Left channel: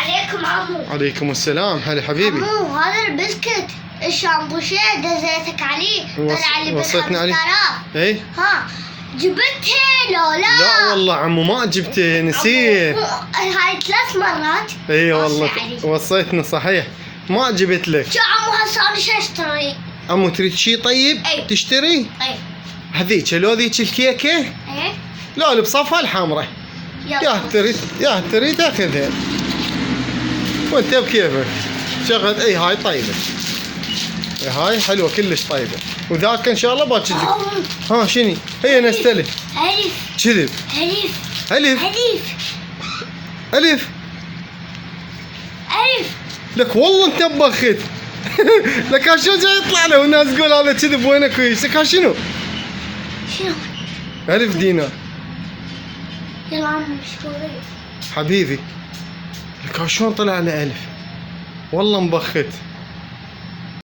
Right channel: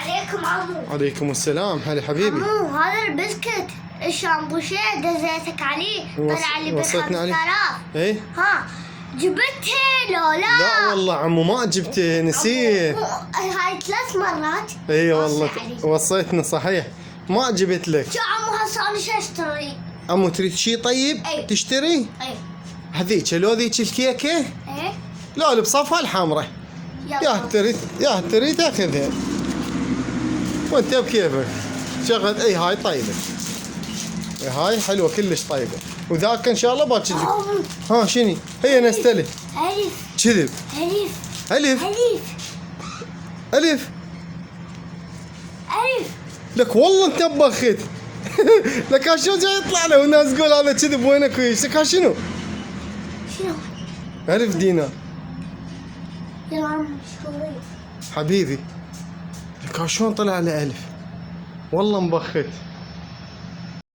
عليكم عمو. عليكم السلام. هلا حبيبي. عمو هذا البسكت الشامبوشيه دزيتك عليه طلع لي وصيتني عليه. ب5000. ايه ها جبته لو لا؟ لا والله عمو ما جبته، نسيت. هاي 3 مرات. اي وصي والله عليه. وصيتنا صحيح، ما جبت لك. شو عمو هسه انا شو اشتري؟ عمو تريد شيء طيب؟ أي. تشتري؟ اي هذيك لو ذيك الكيكه ايه لا اللي بصفها الحمراء، يا تريد تاخذها وانت بكيفك. شغل اي هاي طيبه، هاي حلوه كلش طيبه، وذاك ان شاء الله باكر لك. عمو ها شني هي نستلف الف كذب. الف الف الف الف الف. لك والله انت بخت. لك شو جاي يطلع له والناس تقول هذا كذب وينك ويش؟ لك شنو؟ شنو؟ 1000 دينار يلا عمو شوي. حبيبي. لك شلون طلع له 1000؟ والله مبخت.